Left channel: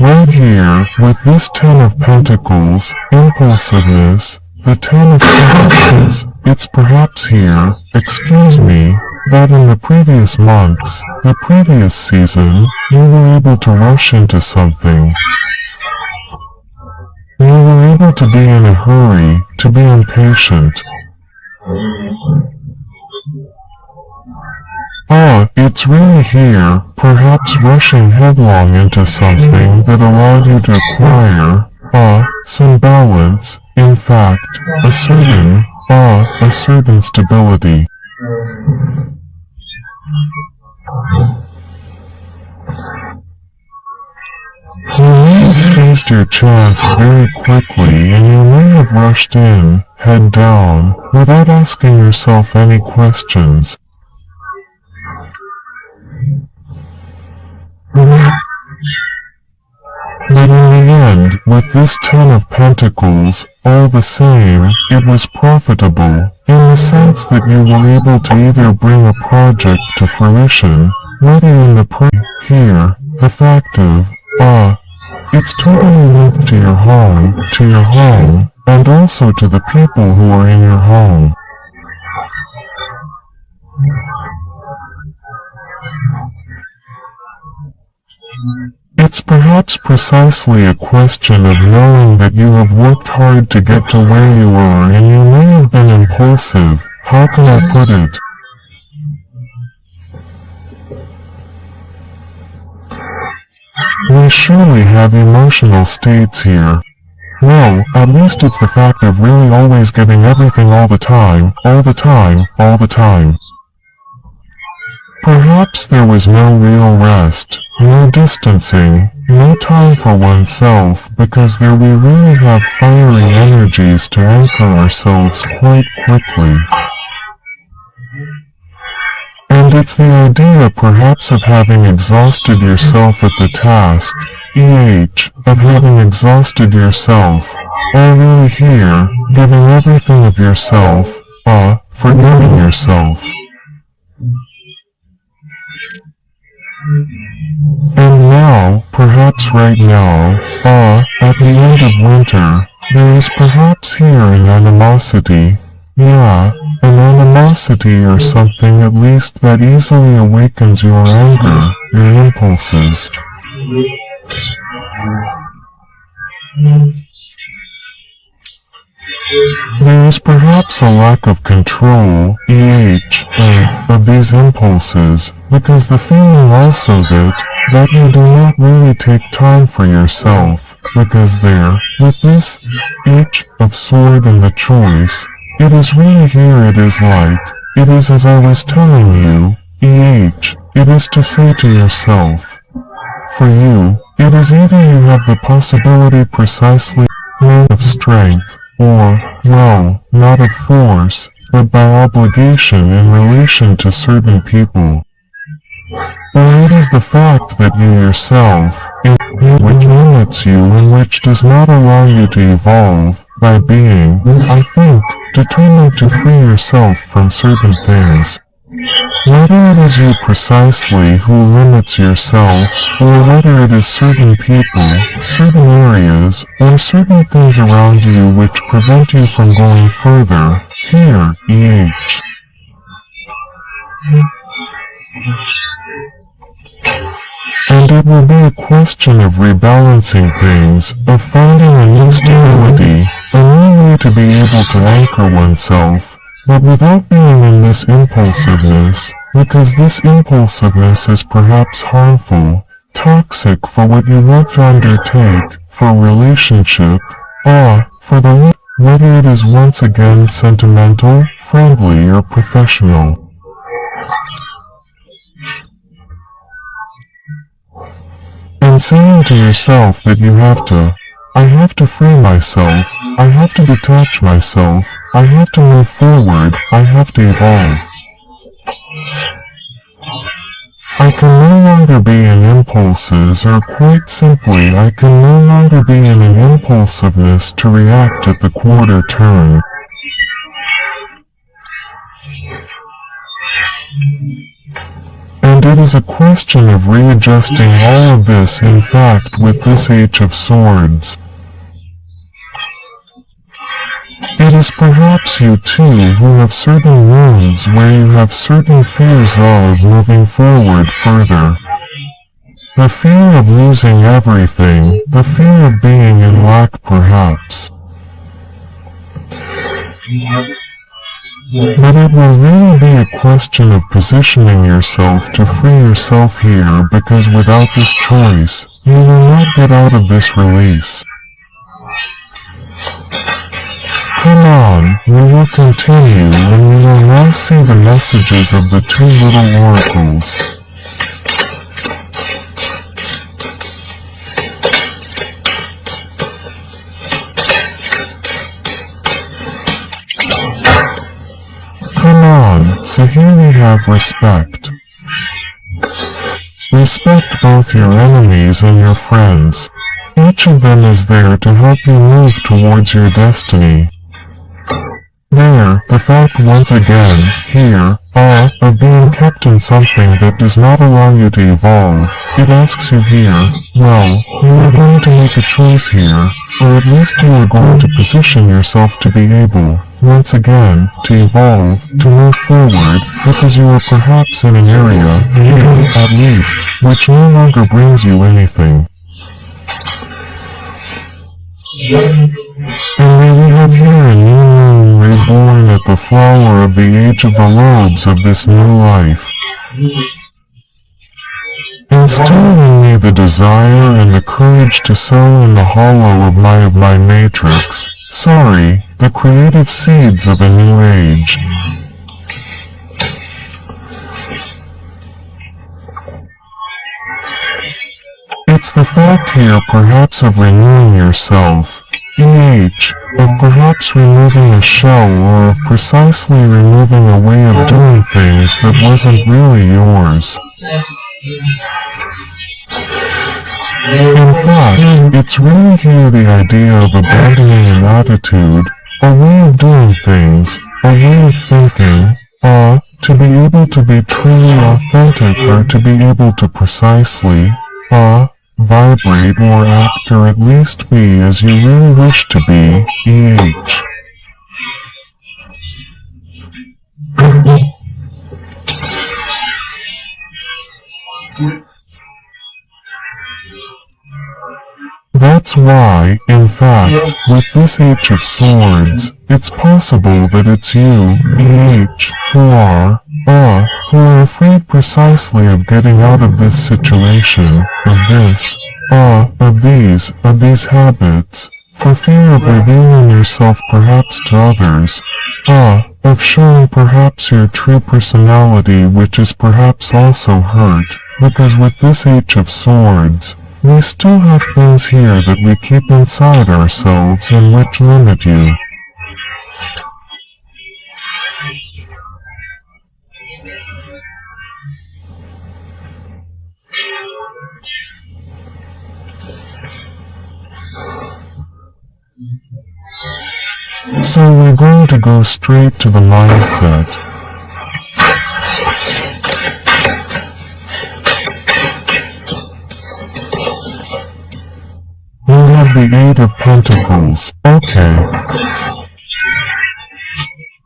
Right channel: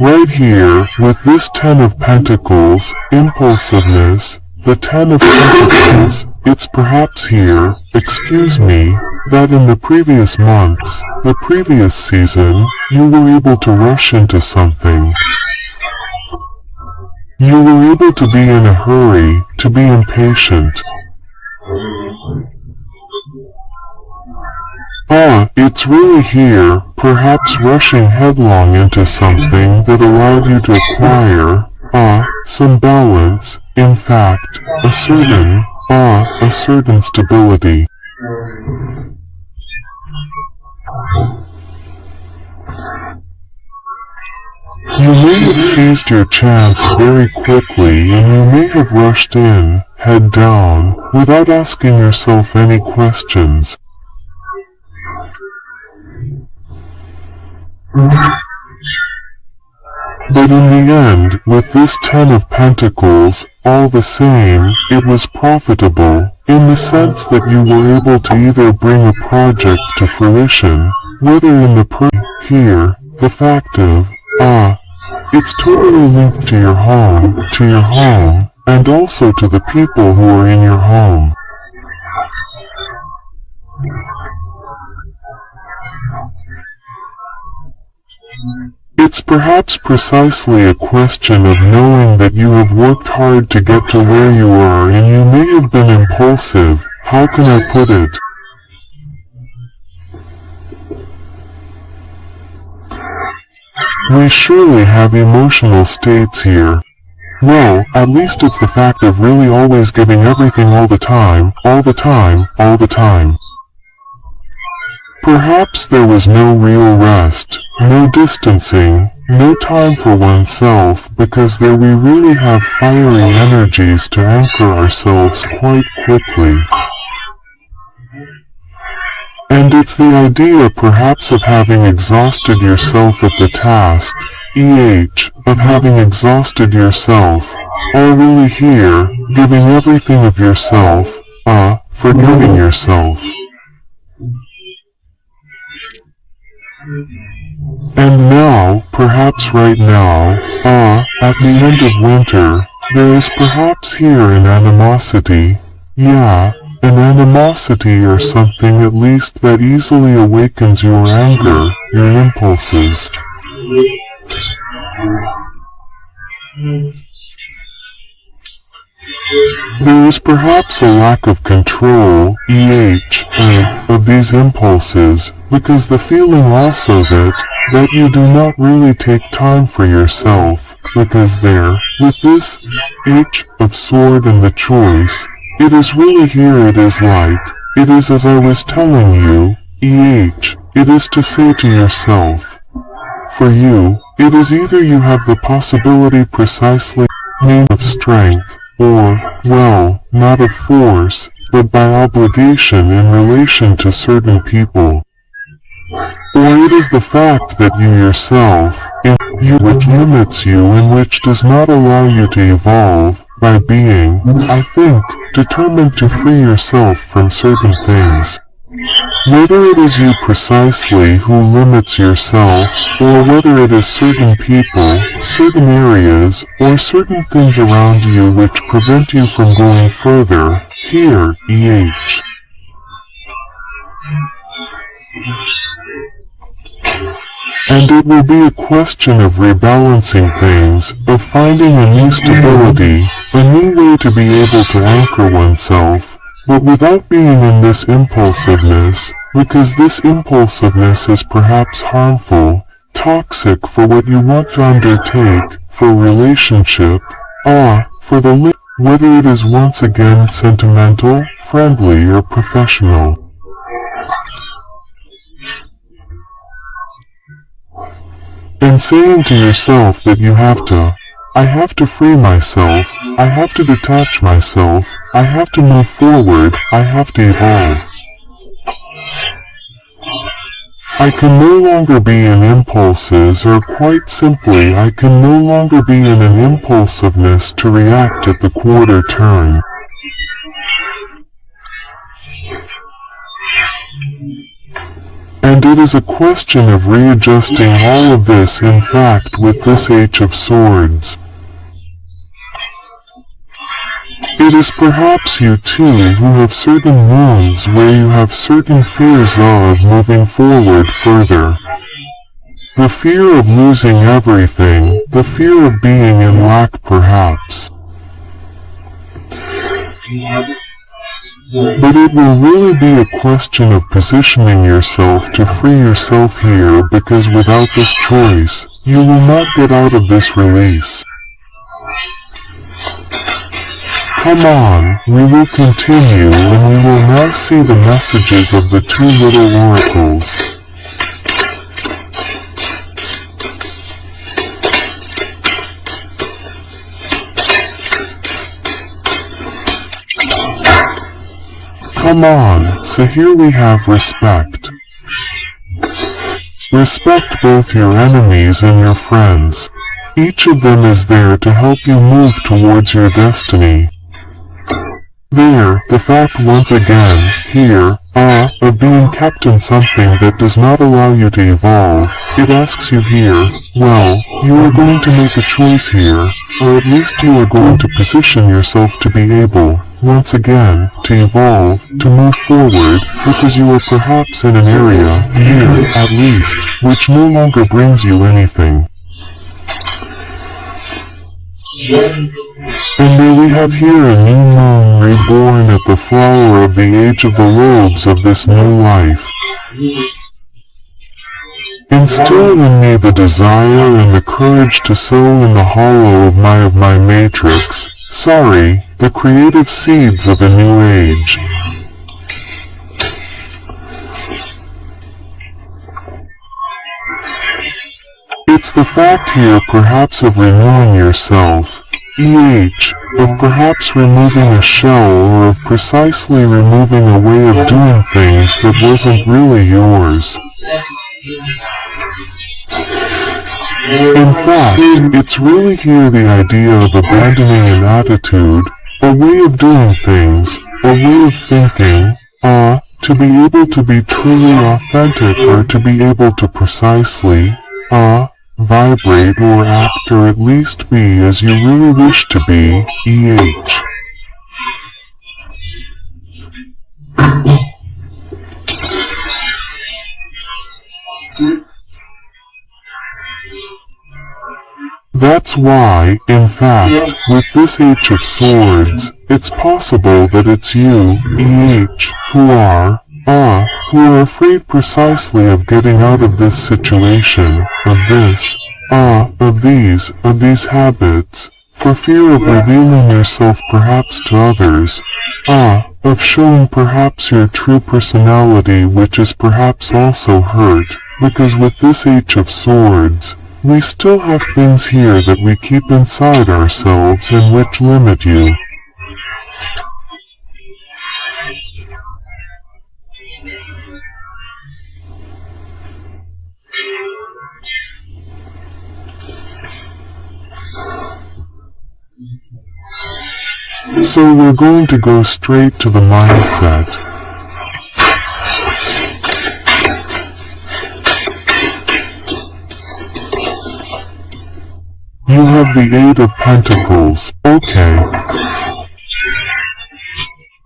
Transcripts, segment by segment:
right here, with this Ten of Pentacles, impulsiveness, the Ten of Pentacles, it's perhaps here, excuse me, that in the previous months, the previous season, you were able to rush into something. You were able to be in a hurry, to be impatient. It's really here, perhaps rushing headlong into something that allowed you to acquire, some balance, in fact, a certain stability. You may have seized your chance very quickly and you may have rushed in, head down, without asking yourself any questions. But in the end, with this Ten of Pentacles, all the same, it was profitable, in the sense that you were able to either bring a project to fruition, whether in the here, the fact of, it's totally linked to your home, and also to the people who are in your home. It's perhaps precisely a question of knowing that you have worked hard to get to where you are and you may have been impulsive, how can I put it? We surely have emotional states here. No, at least it's the fact of really always giving everything all the time. Perhaps there was no real rest, no distancing, no time for oneself because there we really have fiery energies to anchor ourselves quite quickly. And it's the idea perhaps of having exhausted yourself at the task, of having exhausted yourself, all really here, giving everything of yourself, forgetting yourself. And now, perhaps right now, at the end of winter, there is perhaps here an animosity, an animosity or something at least that easily awakens your anger, your impulses. There is perhaps a lack of control, of these impulses, because the feeling also that you do not really take time for yourself, because there, with this of sword and the choice, it is really here it is as I was telling you, it is to say to yourself. For you, it is either you have the possibility precisely of strength, or, well, not of force, but by obligation in relation to certain people. Or it is the fact that you yourself, which limits you and which does not allow you to evolve, by being, I think, determined to free yourself from certain things. Whether it is you precisely who limits yourself, or whether it is certain people, certain areas, or certain things around you which prevent you from going further, here, And it will be a question of rebalancing things, of finding a new stability, a new way to be able to anchor oneself, but without being in this impulsiveness, because this impulsiveness is perhaps harmful, toxic for what you want to undertake, for relationship, for the whether it is once again sentimental, friendly, or professional. And saying to yourself that you have to, I have to free myself, I have to detach myself, I have to move forward, I have to evolve. I can no longer be in impulses, or quite simply I can no longer be in an impulsiveness to react at the quarter turn. And it is a question of readjusting all of this, in fact, with this H of Swords. It is perhaps you too who have certain wounds where you have certain fears of moving forward further. The fear of losing everything, the fear of being in lack perhaps. But it will really be a question of positioning yourself to free yourself here, because without this choice, you will not get out of this release. Come on, we will continue, and we will now see the messages of the two little oracles. Come on, so here we have respect. Respect both your enemies and your friends. Each of them is there to help you move towards your destiny. There, the fact once again, here, of being kept in something that does not allow you to evolve, it asks you here, well, you are going to make a choice here, or at least you are going to position yourself to be able, once again, to evolve, to move forward, because you are perhaps in an area, here, at least, which no longer brings you anything. And may we have here a new moon reborn at the flower of the age of the robes of this new life. Instill in me the desire and the courage to sow in the hollow of my matrix, the creative seeds of a new age. It's the fact here perhaps of renewing yourself, of perhaps removing a shell, or of precisely removing a way of doing things that wasn't really yours. In fact, it's really here the idea of abandoning an attitude, a way of doing things, a way of thinking, to be able to be truly authentic, or to be able to precisely, vibrate or act, or at least be as you really wish to be, That's why, in fact, with this H of Swords, it's possible that it's you, who are afraid precisely of getting out of this situation, of these habits, for fear of revealing yourself perhaps to others, of showing perhaps your true personality, which is perhaps also hurt, because with this H of Swords, we still have things here that we keep inside ourselves and which limit you. So we're going to go straight to the mindset. You have the Eight of Pentacles. Okay.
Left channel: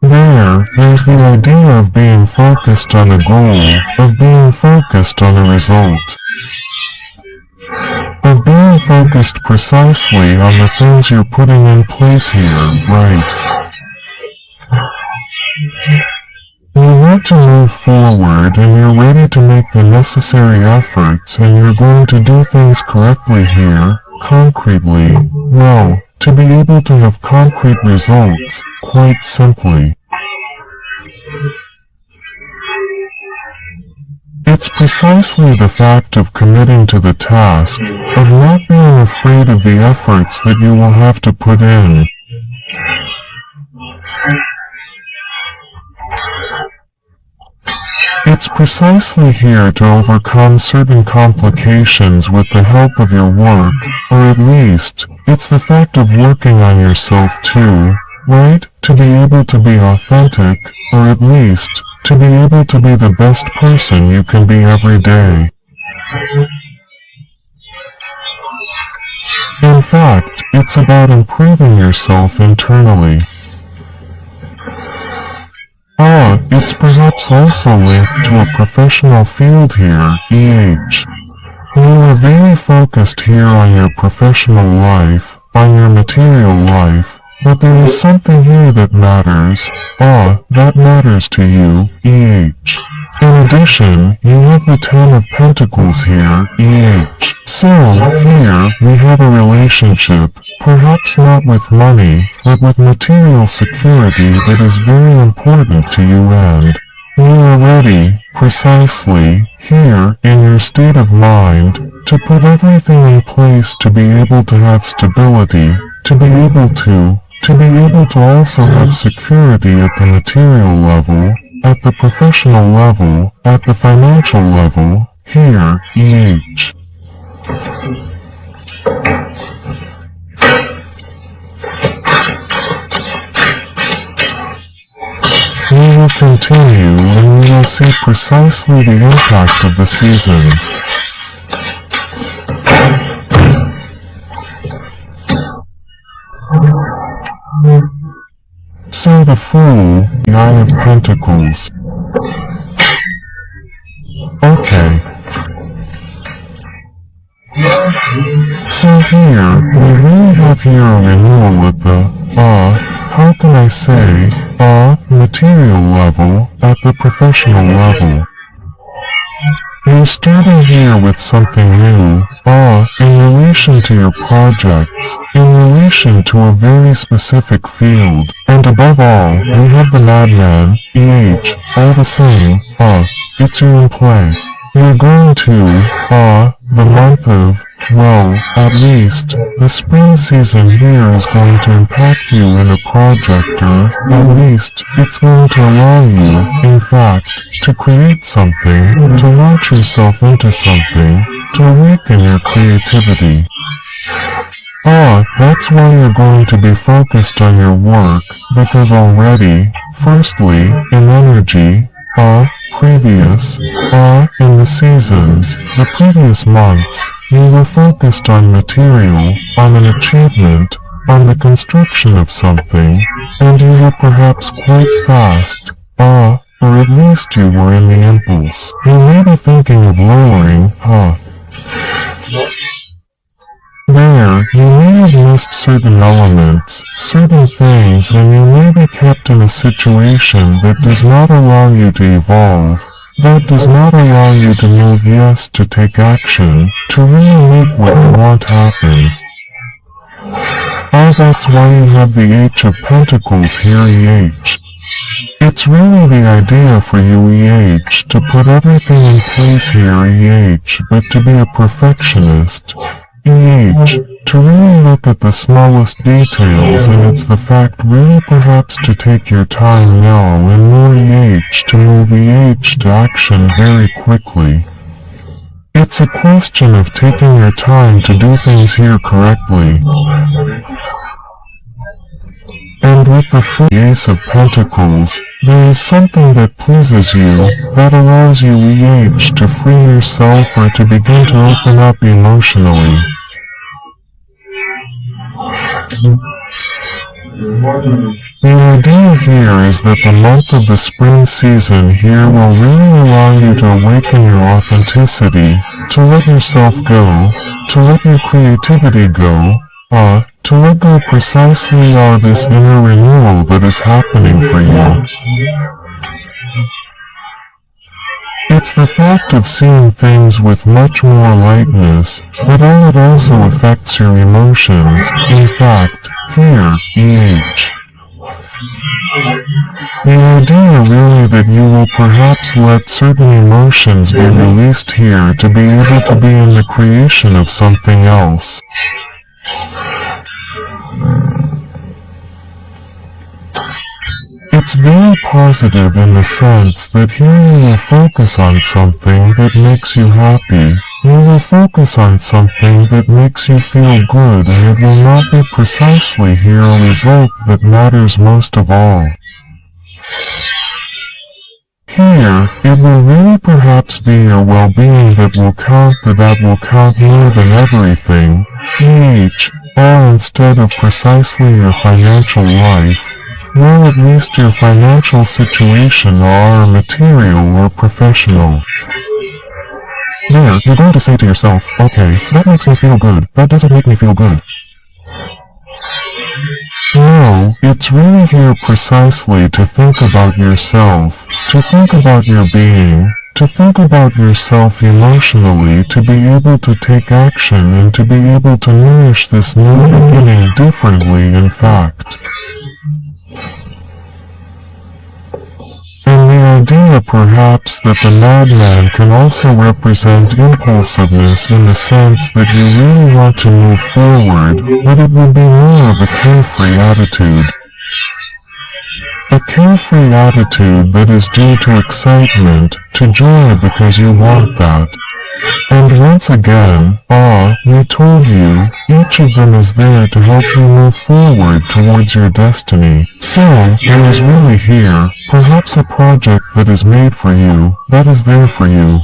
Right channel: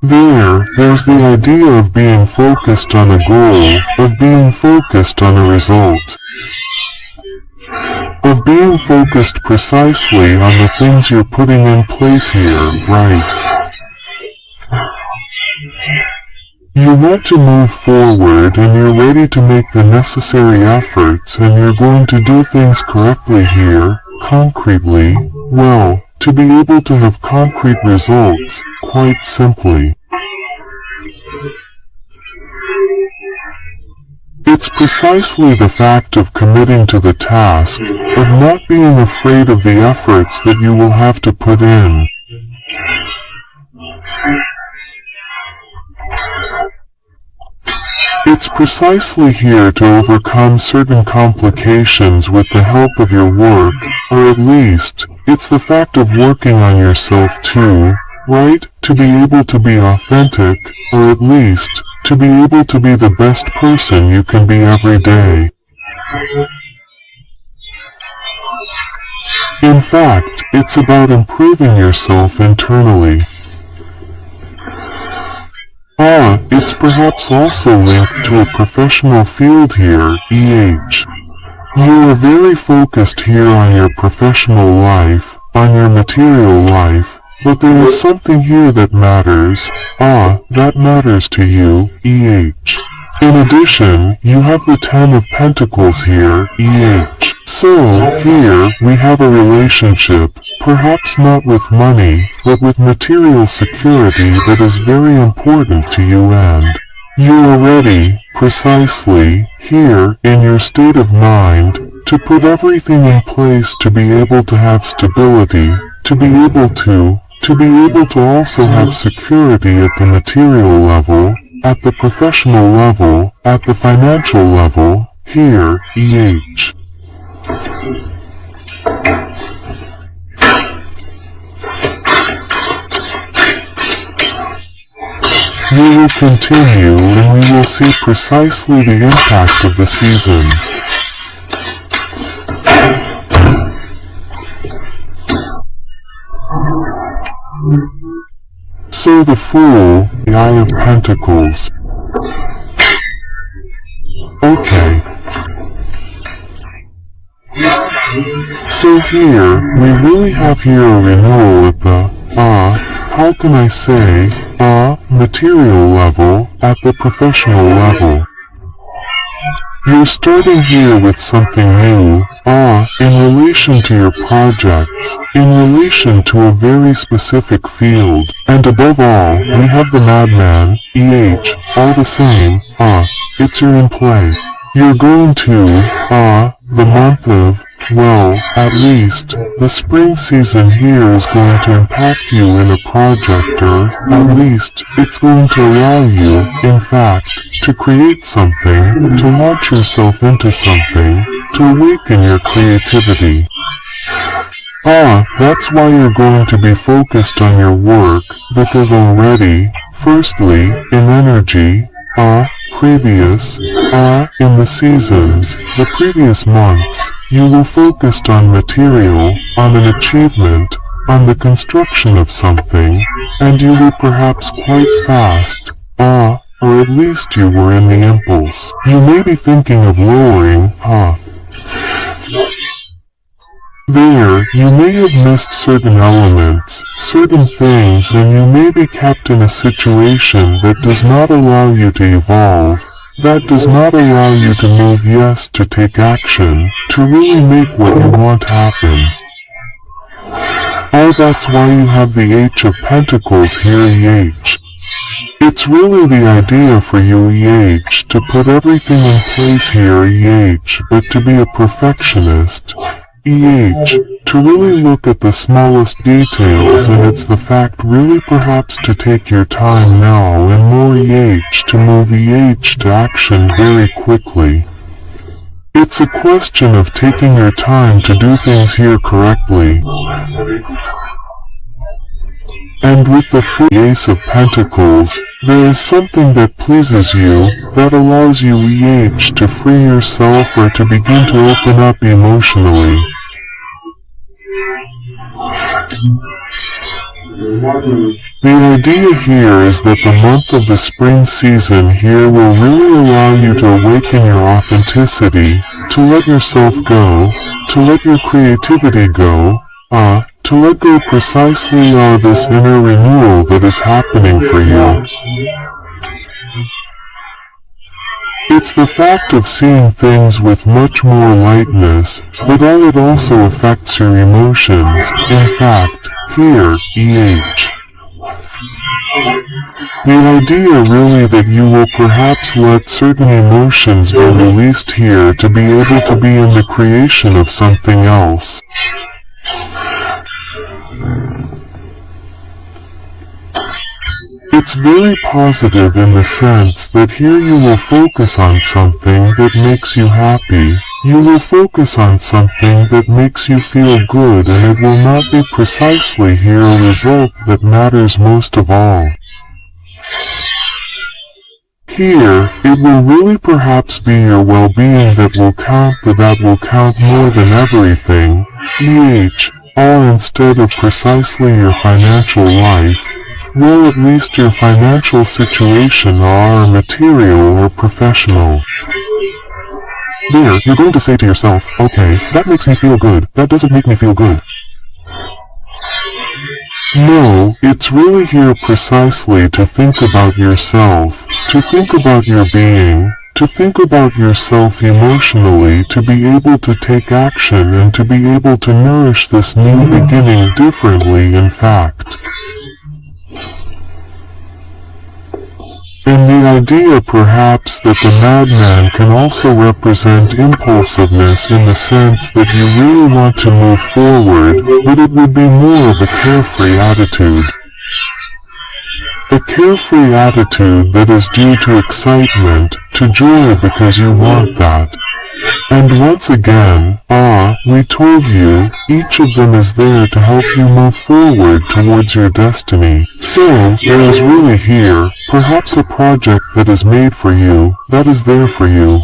There's the idea of being focused on a goal, of being focused on a result, of being focused precisely on the things you're putting in place here, right? You want to move forward, and you're ready to make the necessary efforts, and you're going to do things correctly here, concretely, well, to be able to have concrete results, quite simply. It's precisely the fact of committing to the task, of not being afraid of the efforts that you will have to put in. It's precisely here to overcome certain complications with the help of your work, or at least, it's the fact of working on yourself too, right? To be able to be authentic, or at least, to be able to be the best person you can be every day. In fact, it's about improving yourself internally. It's perhaps also linked to a professional field here, EH. You are very focused here on your professional life, on your material life, but there is something here that matters, that matters to you, EH. In addition, you have the Ten of Pentacles here, EH. So, here, we have a relationship, perhaps not with money, but with material security that is very important to you, and you are ready, precisely, here, in your state of mind, to put everything in place to be able to have stability, to be able to also have security at the material level, at the professional level, at the financial level, here, EH. We will continue and we will see precisely the impact of the season. So the Fool, the Eye of Pentacles. Okay. So here, we really have here a renewal at the, how can I say, material level, at the professional level. You're starting here with something new, in relation to your projects, in relation to a very specific field, and above all, we have the Madman, EH, all the same, it's your in play. You're going to, the month of, well, at least, the spring season here is going to impact you in a project, or, at least, it's going to allow you, in fact, to create something, to launch yourself into something, to awaken your creativity. That's why you're going to be focused on your work, because already, firstly, in energy, previous, in the seasons, the previous months, you were focused on material, on an achievement, on the construction of something, and you were perhaps quite fast, or at least you were in the impulse. You may be thinking of lowering, There, you may have missed certain elements, certain things, and you may be kept in a situation that does not allow you to evolve, that does not allow you to move yes, to take action, to really make what you want happen. That's why you have the H of Pentacles here, EH. It's really the idea for you, EH, to put everything in place here, EH, but to be a perfectionist. EH, to really look at the smallest details, and it's the fact really perhaps to take your time now and more, EH, to move EH to action very quickly. It's a question of taking your time to do things here correctly. And with the free Ace of Pentacles, there is something that pleases you, that allows you, EH, to free yourself or to begin to open up emotionally. The idea here is that the month of the spring season here will really allow you to awaken your authenticity, to let yourself go, to let your creativity go, to let go precisely this inner renewal that is happening for you. It's the fact of seeing things with much more lightness, but it also affects your emotions, in fact, here, EH. The idea really that you will perhaps let certain emotions be released here to be able to be in the creation of something else. It's very positive in the sense that here you will focus on something that makes you happy. You will focus on something that makes you feel good, and it will not be precisely here a result that matters most of all. Here, it will really perhaps be your well-being that will count more than everything. Or instead of precisely your financial life, well, at least your financial situation or material or professional. There, you're going to say to yourself, okay, that makes me feel good, that doesn't make me feel good. No, it's really here precisely to think about yourself, to think about your being, to think about yourself emotionally, to be able to take action and to be able to nourish this new beginning differently, in fact. And the idea perhaps that the madman can also represent impulsiveness in the sense that you really want to move forward, but it would be more of a carefree attitude. A carefree attitude that is due to excitement, to joy because you want that. And once again, we told you, each of them is there to help you move forward towards your destiny. So, there is really here, perhaps a project that is made for you, that is there for you.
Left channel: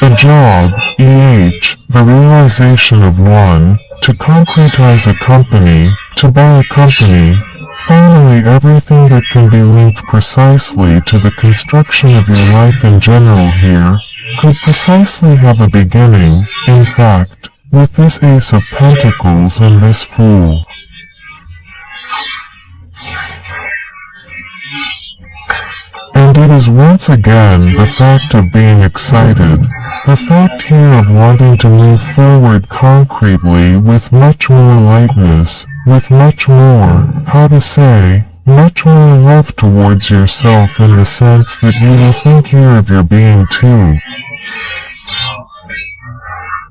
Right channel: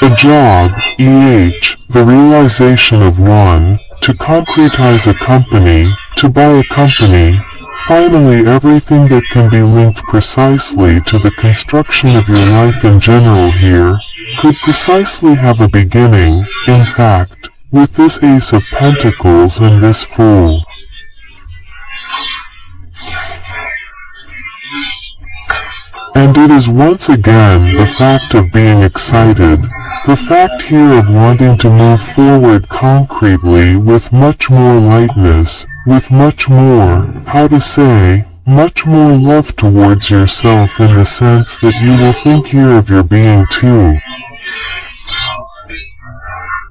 A job, the realization of one, to concretize a company, to buy a company, finally everything that can be linked precisely to the construction of your life in general here, could precisely have a beginning, in fact, with this Ace of Pentacles and this Fool. And it is once again the fact of being excited, the fact here of wanting to move forward concretely with much more lightness, with much more, much more love towards yourself in the sense that you will think here of your being too.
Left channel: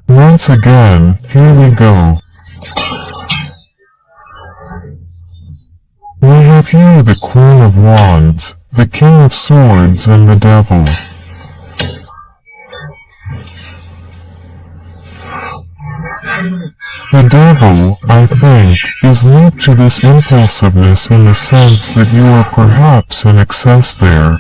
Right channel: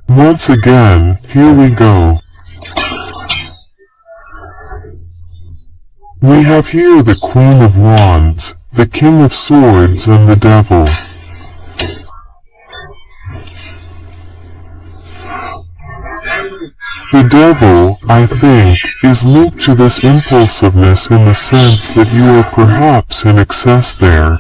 Once again, here we go. We have here the Queen of Wands, the King of Swords and the Devil. The Devil, I think, is linked to this impulsiveness in the sense that you are perhaps in excess there.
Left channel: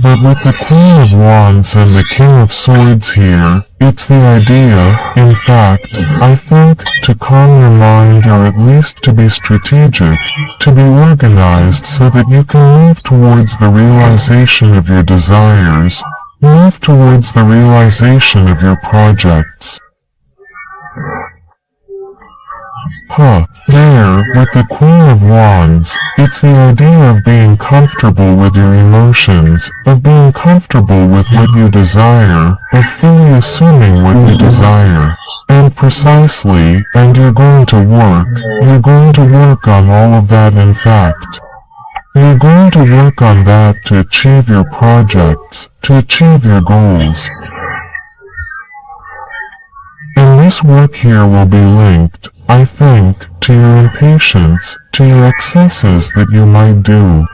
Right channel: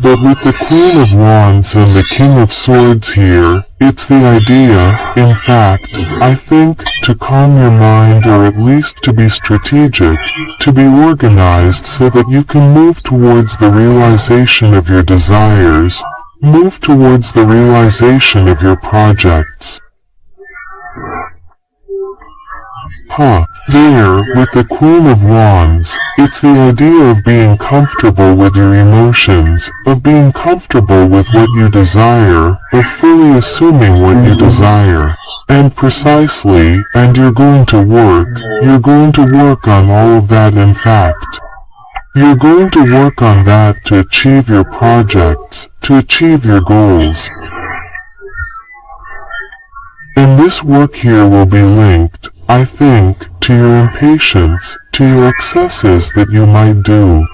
But with the Queen of Wands and the King of Swords here, it's the idea, in fact, I think, to calm your mind or at least to be strategic, to be organized so that you can move towards the realization of your desires, move towards the realization of your projects. There, with the Queen of Wands, it's the idea of being comfortable with your emotions, of being comfortable with what you desire, of fully assuming what you desire. And precisely, and you're going to work on all of that in fact. You're going to work on that to achieve your projects, to achieve your goals. And this work here will be linked, I think, to your impatience, to your excesses that you might do.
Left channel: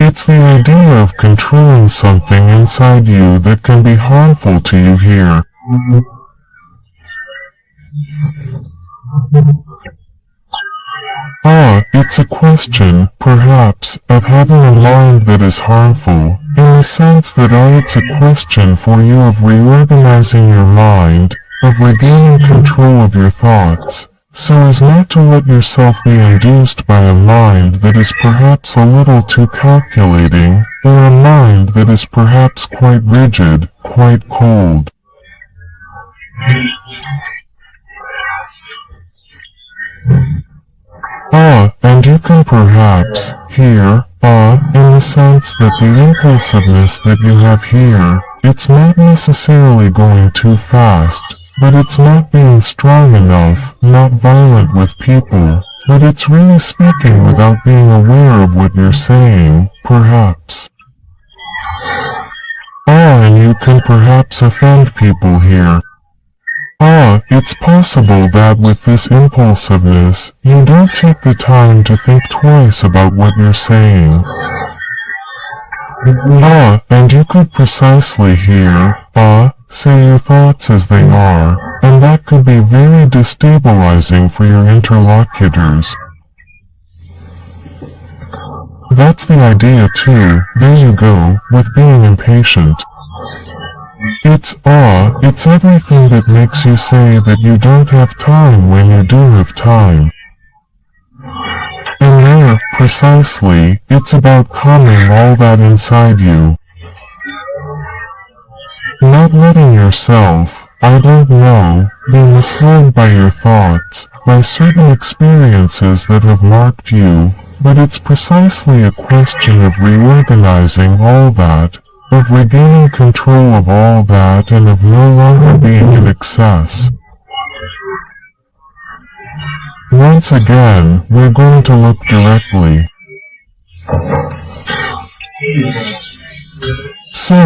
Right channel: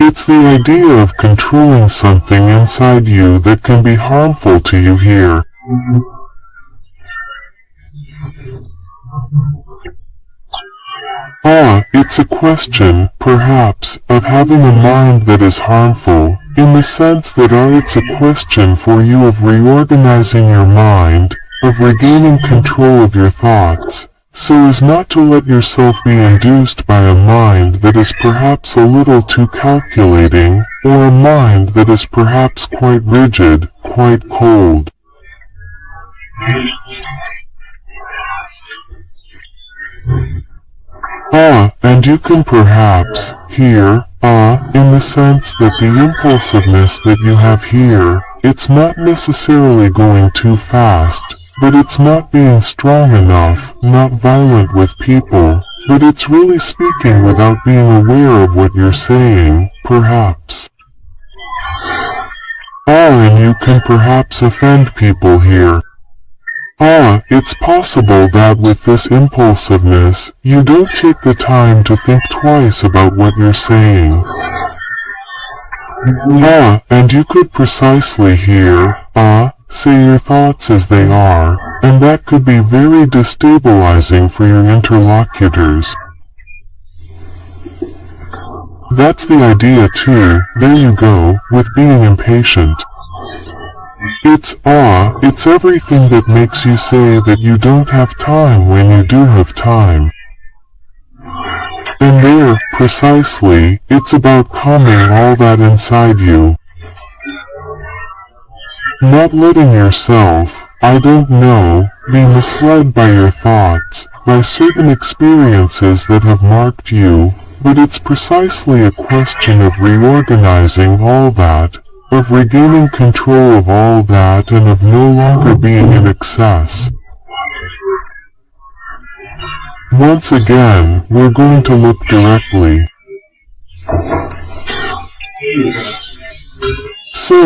It's the idea of controlling something inside you that can be harmful to you here. It's a question, perhaps, of having a mind that is harmful, in the sense that it's a question for you of reorganizing your mind, of regaining control of your thoughts, so as not to let yourself be induced by a mind that is perhaps a little too calculating, or a mind that is perhaps quite rigid, quite cold. And you can perhaps, here, in the sense that the impulsiveness that you have here, it's not necessarily going too fast, but it's not being strong enough, not violent with people, but it's really speaking without being aware of what you're saying, perhaps. And you can perhaps offend people here. It's possible that with this impulsiveness, you don't take the time to think twice about what you're saying. And you could precisely hear, say your thoughts as they are, and that could be very destabilizing for your interlocutors. That's the idea too, there you go, with being impatient. It's everything that makes you say that you don't have time when you do have time. And there, precisely, it's about calming all that inside you. Not letting yourself, I don't know, be misled by your thoughts, by certain experiences that have marked you, but it's precisely a question of reorganizing all that, of regaining control of all that and of no longer being in excess. Once again, we're going to look directly. So,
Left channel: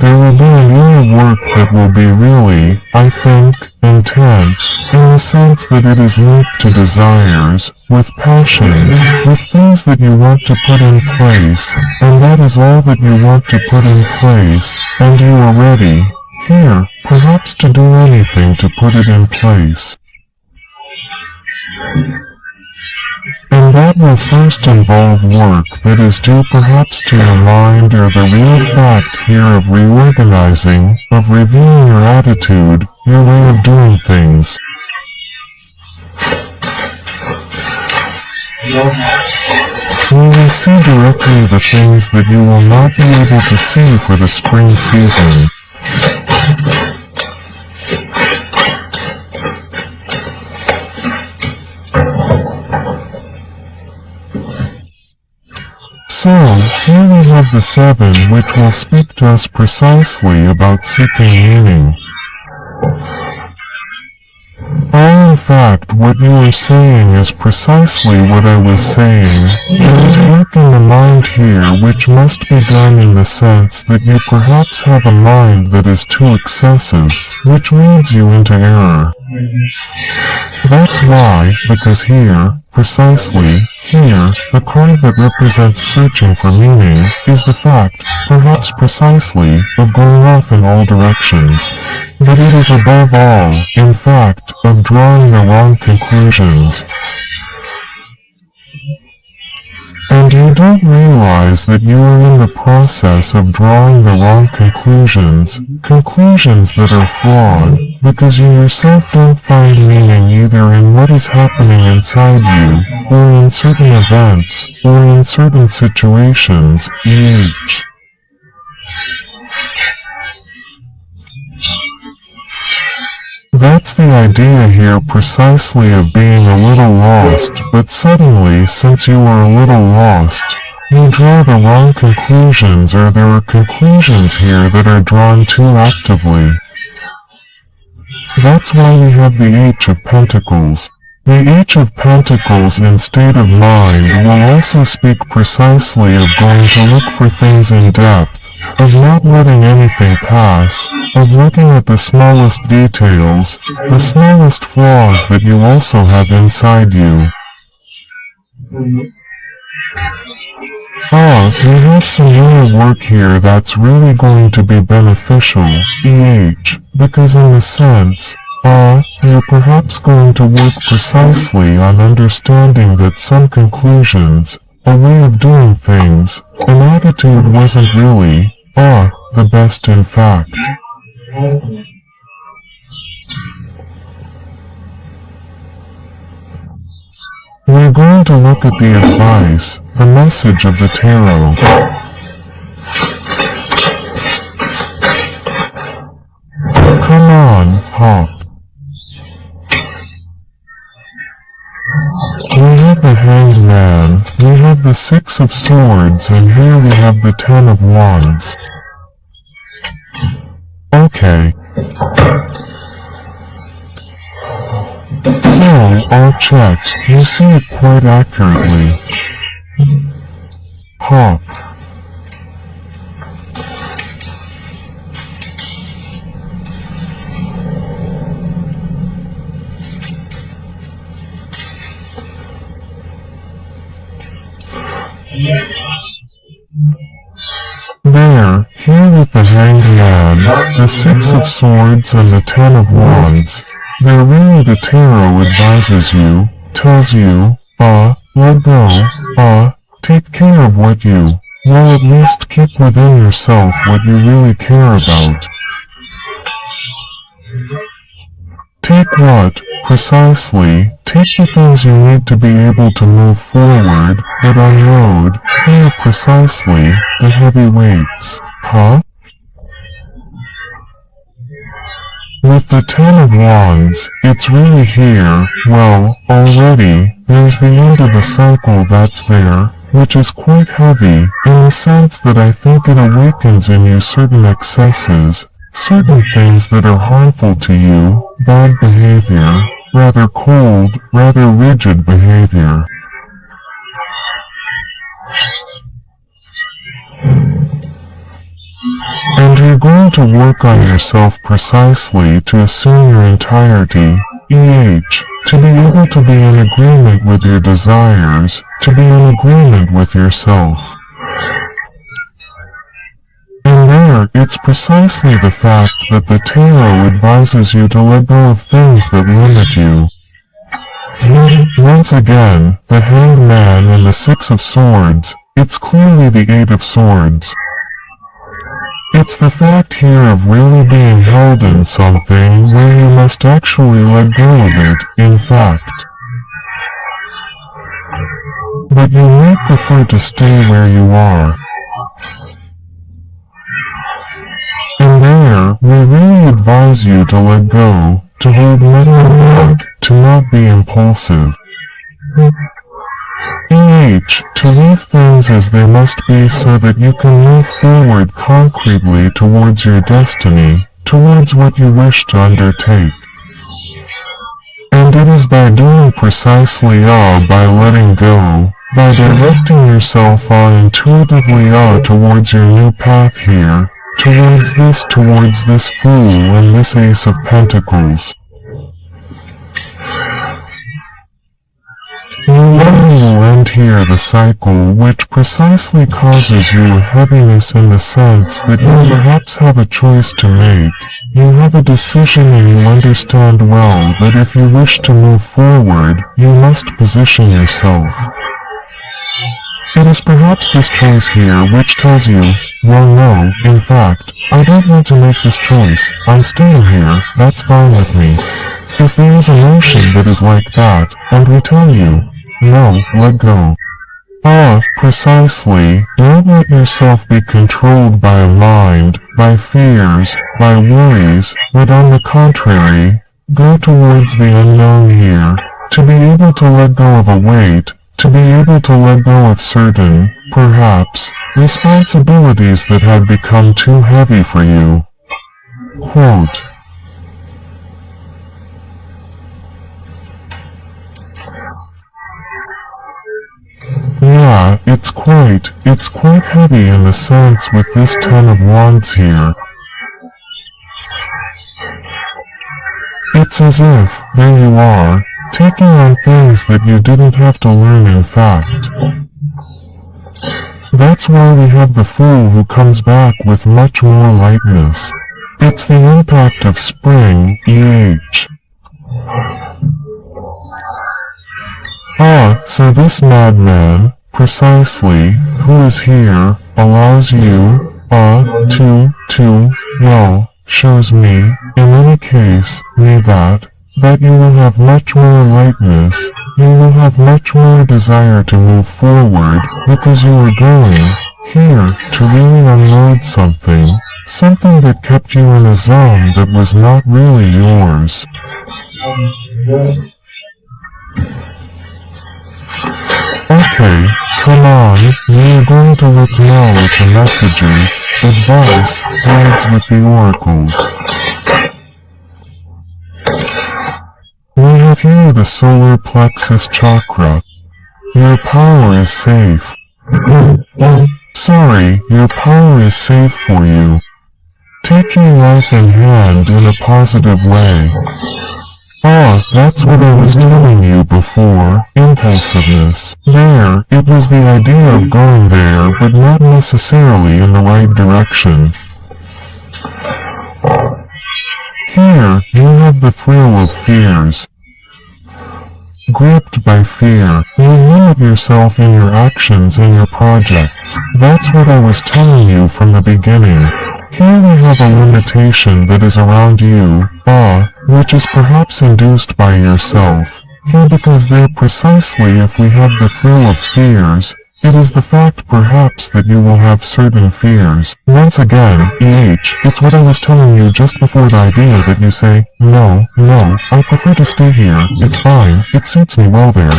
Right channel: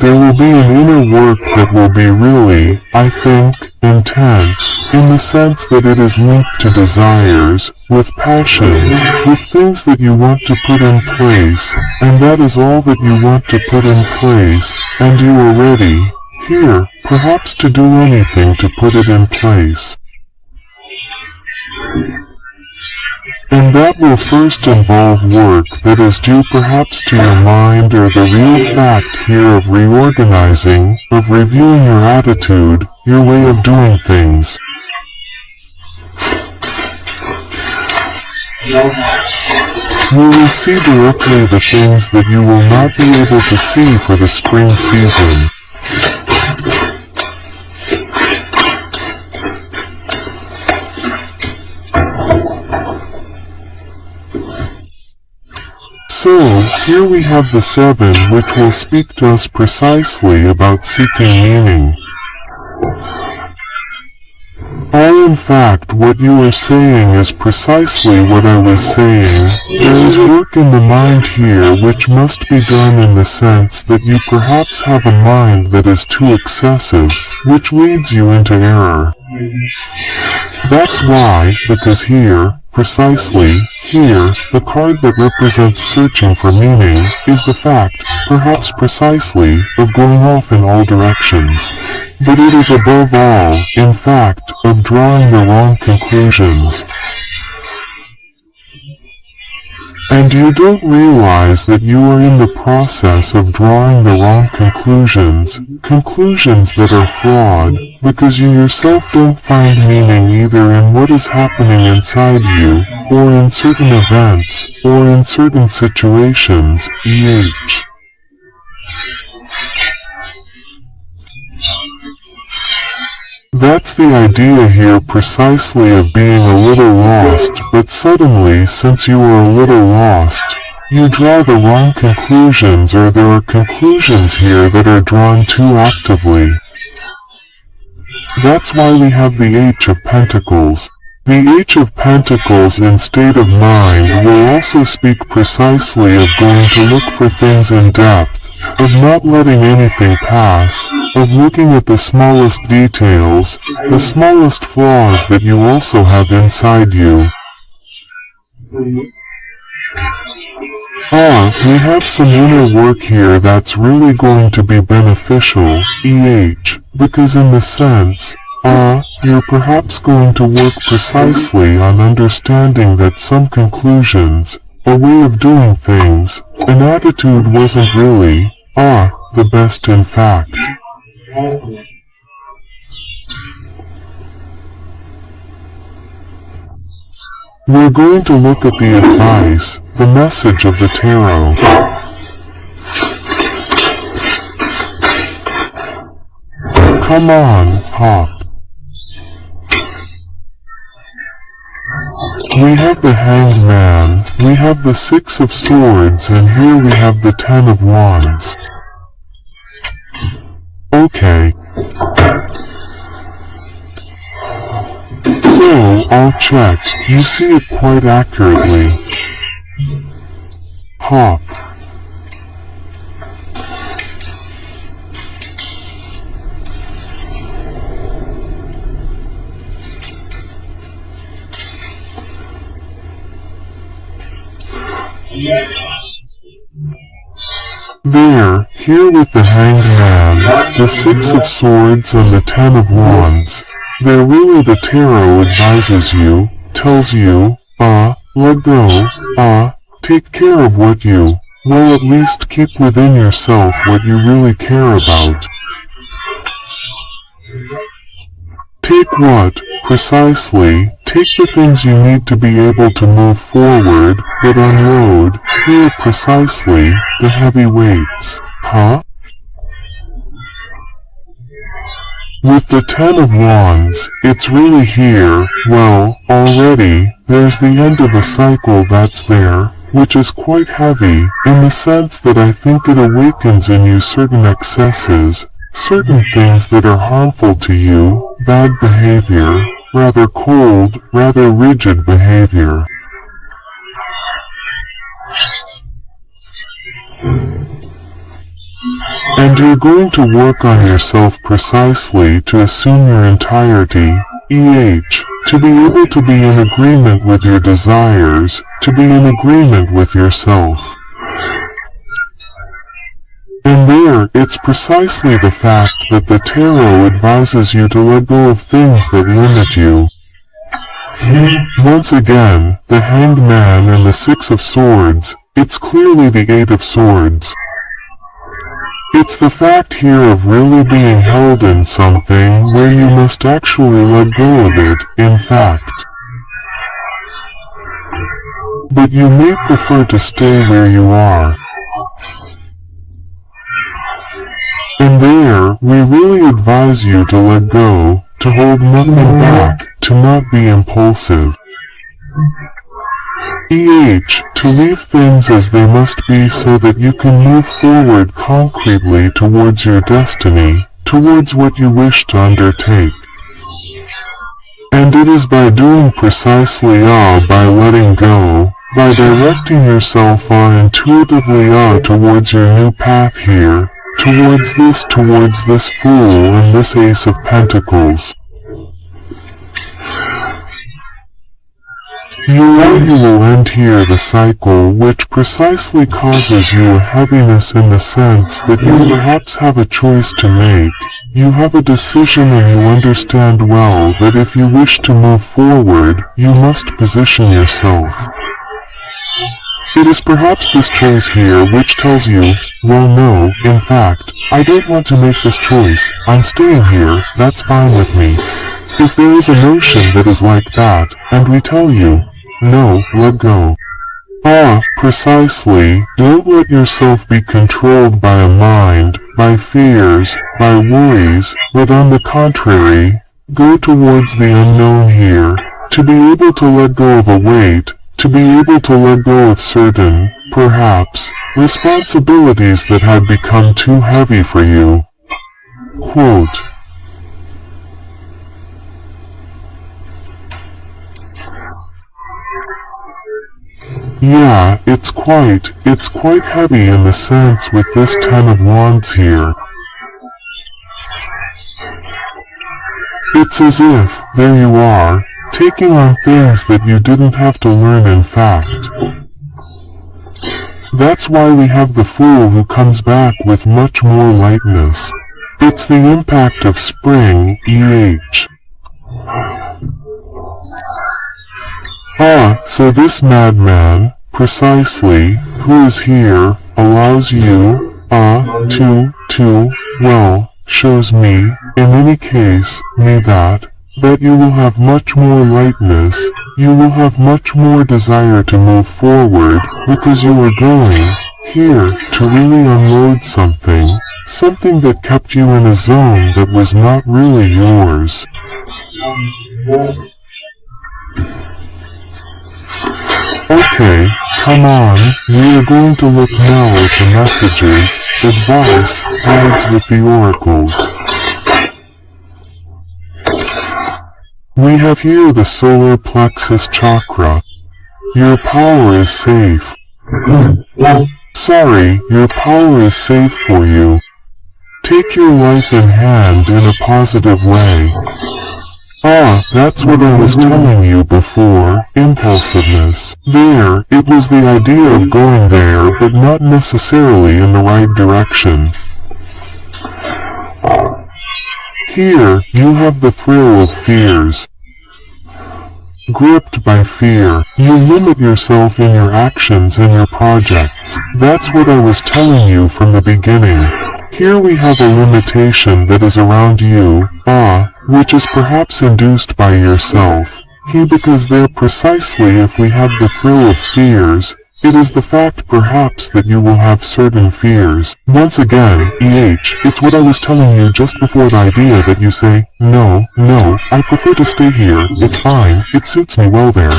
there will be an inner work that will be really, I think, intense, in the sense that it is linked to desires, with passions, with things that you want to put in place, and that is all that you want to put in place, and you are ready, here, perhaps to do anything to put it in place. And that will first involve work that is due perhaps to your mind or the real fact here of reorganizing, of reviewing your attitude, your way of doing things. We will see directly the things that you will not be able to see for the spring season. So, here we have the 7 which will speak to us precisely about seeking meaning. In fact, what you are saying is precisely what I was saying. There is work in the mind here which must be done in the sense that you perhaps have a mind that is too excessive, which leads you into error. That's why, because here, precisely, here, the card that represents searching for meaning, is the fact, perhaps precisely, of going off in all directions. But it is above all, in fact, of drawing the wrong conclusions. And you don't realize that you are in the process of drawing the wrong conclusions, conclusions that are flawed, because you yourself don't find meaning either in what is happening inside you, or in certain events, or in certain situations, e.h. That's the idea here precisely of being a little lost, but suddenly, since you are a little lost, you draw the wrong conclusions, or there are conclusions here that are drawn too actively. That's why we have the H of Pentacles. The H of Pentacles in state of mind will also speak precisely of going to look for things in depth, of not letting anything pass, of looking at the smallest details, the smallest flaws that you also have inside you. We have some inner work here that's really going to be beneficial, EH, because in the sense, you're perhaps going to work precisely on understanding that some conclusions, a way of doing things, an attitude wasn't really, the best in fact. We're going to look at the advice, the message of the tarot. Come on, hop. We have the Hanged Man, we have the 6 of Swords, and here we have the 10 of Wands. Okay. So, I'll check. You see it quite accurately. Hop. Here with the Hanged Man, the Six of Swords and the Ten of Wands, there really the tarot advises you, tells you, let go, take care of what you, well at least keep within yourself what you really care about. Take what, precisely, take the things you need to be able to move forward, but unload, here precisely, the heavy weights, With the Ten of Wands, it's really here, well, already, there's the end of a cycle that's there, which is quite heavy, in the sense that I think it awakens in you certain excesses, certain things that are harmful to you, bad behavior, rather cold, rather rigid behavior. And you're going to work on yourself precisely to assume your entirety, to be able to be in agreement with your desires, to be in agreement with yourself. And there, it's precisely the fact that the tarot advises you to let go of things that limit you. Once again, the Hanged Man and the Six of Swords, it's clearly the Eight of Swords. It's the fact here of really being held in something where you must actually let go of it, in fact. But you may prefer to stay where you are. And there, we really advise you to let go, to hold nothing back, to not be impulsive. To leave things as they must be so that you can move forward concretely towards your destiny, towards what you wish to undertake. And it is by doing precisely by letting go, by directing yourself intuitively towards your new path here, towards this Fool and this Ace of Pentacles. You will end here the cycle which precisely causes you a heaviness in the sense that you perhaps have a choice to make, you have a decision and you understand well that if you wish to move forward, you must position yourself. It is perhaps this choice here which tells you, well no, in fact, I don't want to make this choice, I'm staying here, that's fine with me. If there is a notion that is like that, and we tell you, no, let go. Precisely, don't let yourself be controlled by a mind, by fears, by worries, but on the contrary, go towards the unknown here, to be able to let go of a weight, to be able to let go of certain, perhaps, responsibilities that had become too heavy for you. Quote, yeah, it's quite heavy in the sense with this Ten of Wands here. It's as if, there you are, taking on things that you didn't have to learn in fact. That's why we have the Fool who comes back with much more lightness. It's the impact of spring, So this madman, precisely, who is here, allows you, shows me, in any case, that you will have much more lightness, you will have much more desire to move forward, because you are going, here, to really unload something that kept you in a zone that was not really yours. Okay, come on, we are going to look now at the messages, advice, guides with the oracles. We have here the solar plexus chakra. Your power is safe. Sorry, your power is safe for you. Take your life in hand in a positive way. Ah, that's what I was telling you before, impulsiveness. There, it was the idea of going there but not necessarily in the right direction. Here, you have the thrill of fears. Gripped by fear, you limit yourself in your actions and your projects. That's what I was telling you from the beginning. Here we have a limitation that is around you, which is perhaps induced by yourself. Here because there precisely if we have the thrill of fears, it is the fact perhaps that you will have certain fears. Once again, it's what I was telling you just before the idea that you say, no, I prefer to stay here, it's fine, it suits me well there.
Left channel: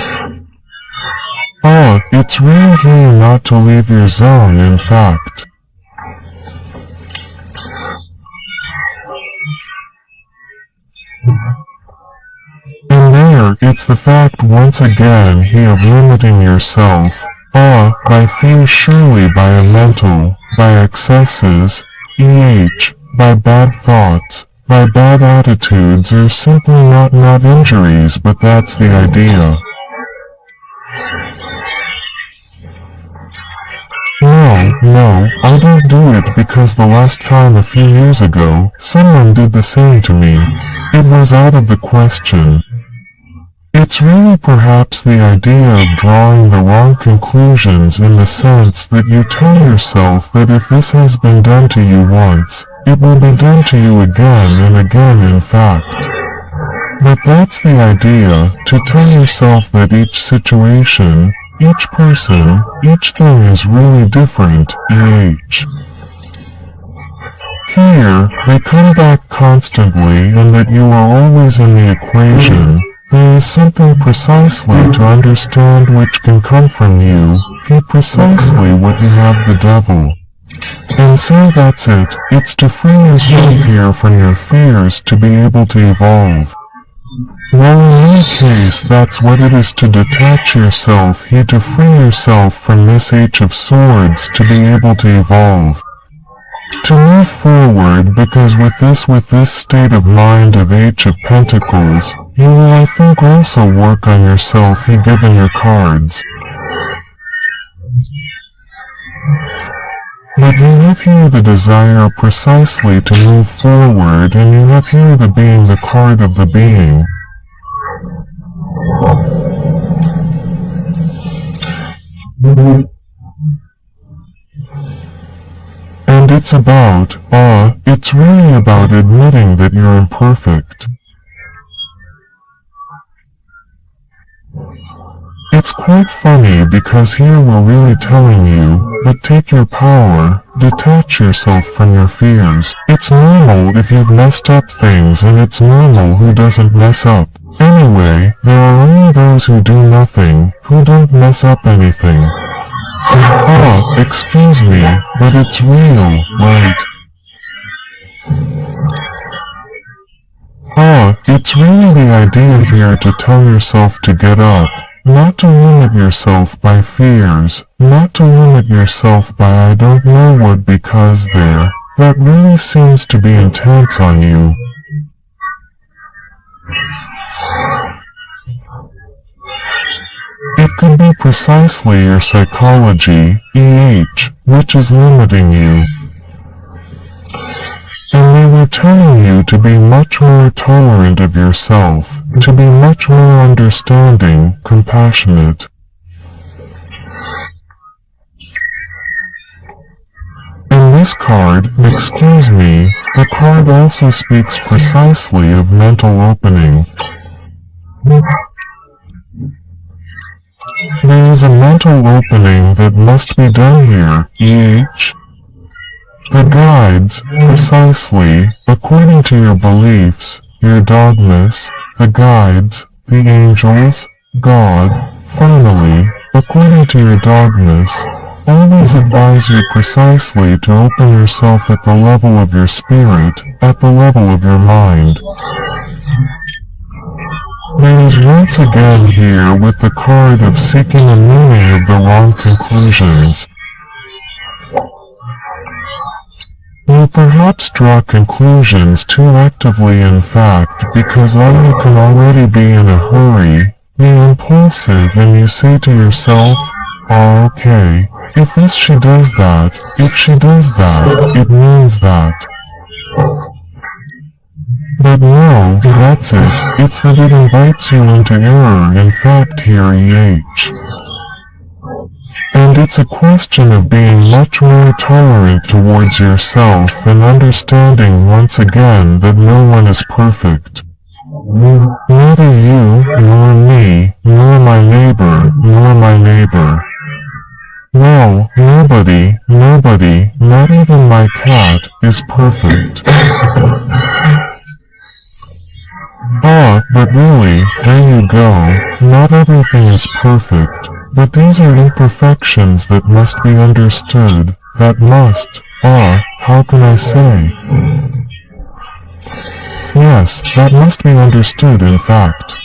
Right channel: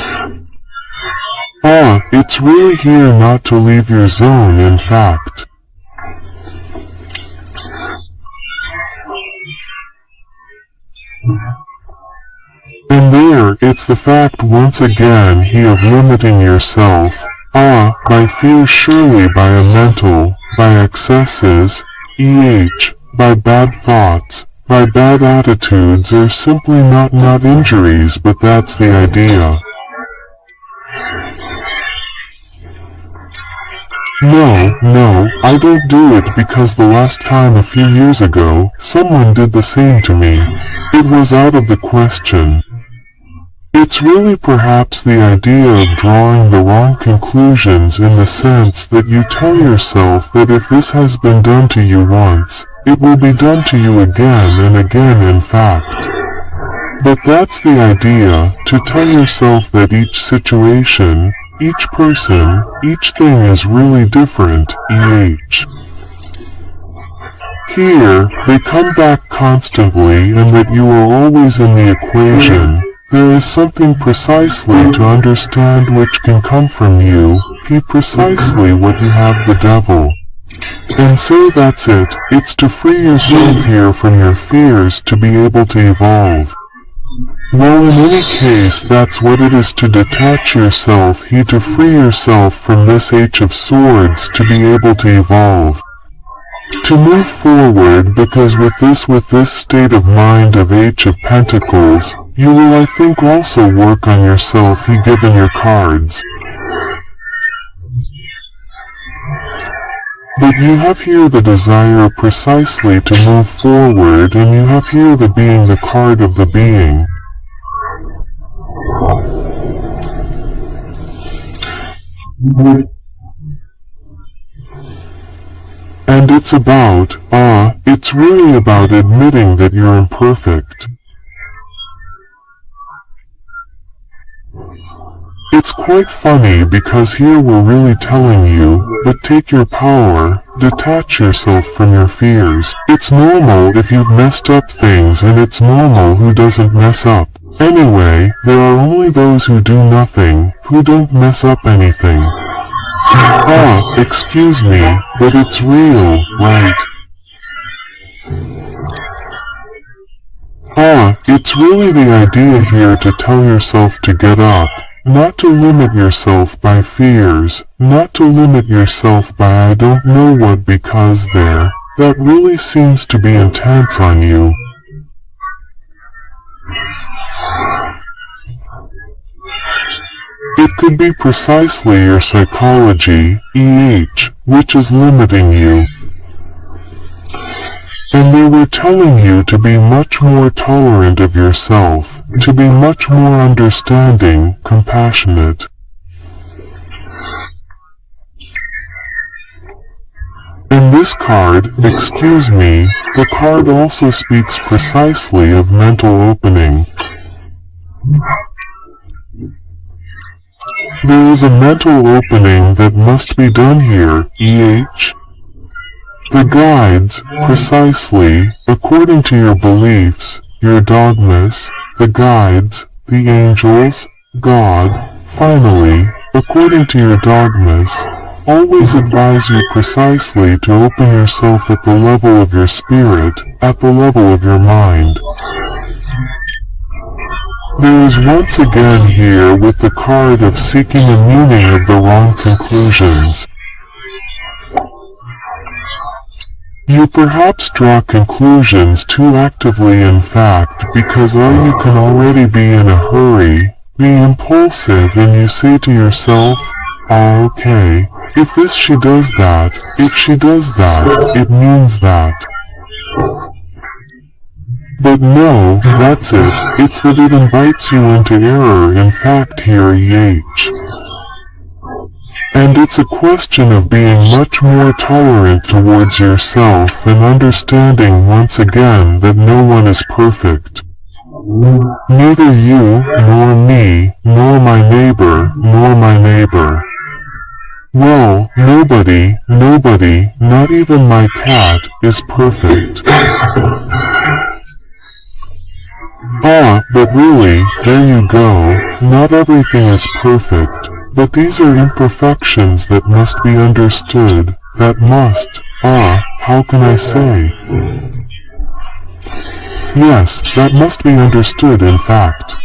It's really here not to leave your zone in fact. And there, it's the fact once again of limiting yourself, by fear surely by a mental, by excesses, by bad thoughts, by bad attitudes or simply not injuries but that's the idea. No, I don't do it because the last time a few years ago, someone did the same to me. It was out of the question. It's really perhaps the idea of drawing the wrong conclusions in the sense that you tell yourself that if this has been done to you once, it will be done to you again and again in fact. But that's the idea, to tell yourself that each situation, each person, each thing is really different, Here, they come back constantly and that you are always in the equation. There is something precisely to understand which can come from you, precisely what you have the devil. And so that's it, it's to free yourself here from your fears to be able to evolve. Well, in any case, that's what it is to detach yourself to free yourself from this H of Swords to be able to evolve. To move forward because with this state of mind of H of Pentacles, you will I think also work on yourself given your cards. But you have here the desire precisely to move forward and you have here the being the card of the being. And it's about, it's really about admitting that you're imperfect. It's quite funny because here we're really telling you, but take your power, detach yourself from your fears. It's normal if you've messed up things and it's normal who doesn't mess up. Anyway, there are only those who do nothing, who don't mess up anything. Excuse me, but it's real, right? It's really the idea here to tell yourself to get up, not to limit yourself by fears, not to limit yourself by I don't know what because that really seems to be intense on you. It could be precisely your psychology, which is limiting you. And they were telling you to be much more tolerant of yourself, to be much more understanding, compassionate. In this card, excuse me, the card also speaks precisely of mental opening. There is a mental opening that must be done here, The guides, precisely, according to your beliefs, your dogmas, the guides, the angels, God, finally, according to your dogmas, always advise you precisely to open yourself at the level of your spirit, at the level of your mind. There is once again here with the card of seeking a meaning of the wrong conclusions. You perhaps draw conclusions too actively in fact because all you can already be in a hurry, be impulsive, and you say to yourself, "Oh, okay, if this she does that, if she does that, it means that." But no, that's it, it's that it invites you into error in fact here And it's a question of being much more tolerant towards yourself and understanding once again that no one is perfect. Neither you, nor me, nor my neighbor, nor my neighbor. Well, nobody, not even my cat, is perfect. But really, there you go, not everything is perfect, but these are imperfections that must be understood, how can I say? Yes, that must be understood in fact.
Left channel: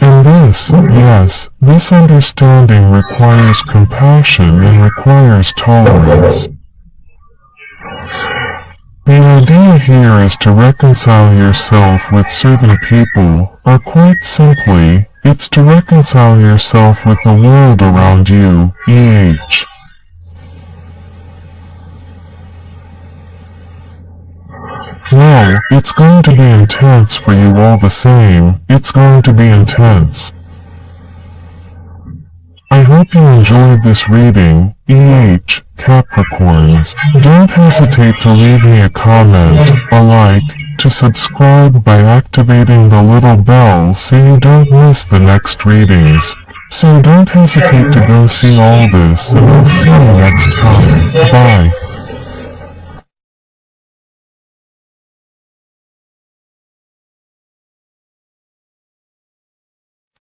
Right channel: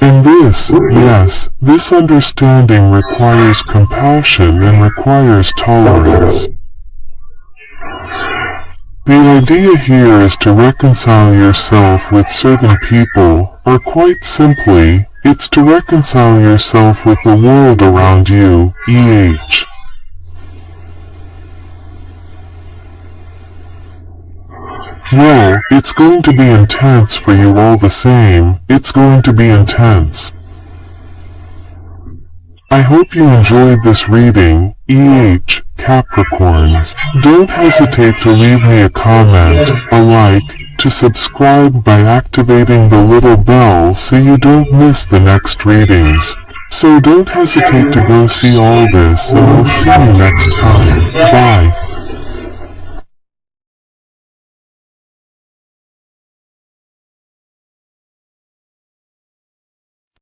And this understanding requires compassion and requires tolerance. The idea here is to reconcile yourself with certain people, or quite simply, it's to reconcile yourself with the world around you, Well, it's going to be intense for you all the same, it's going to be intense. I hope you enjoyed this reading, Capricorns. Don't hesitate to leave me a comment, a like, to subscribe by activating the little bell so you don't miss the next readings. So don't hesitate to go see all this and I'll see you next time. Bye.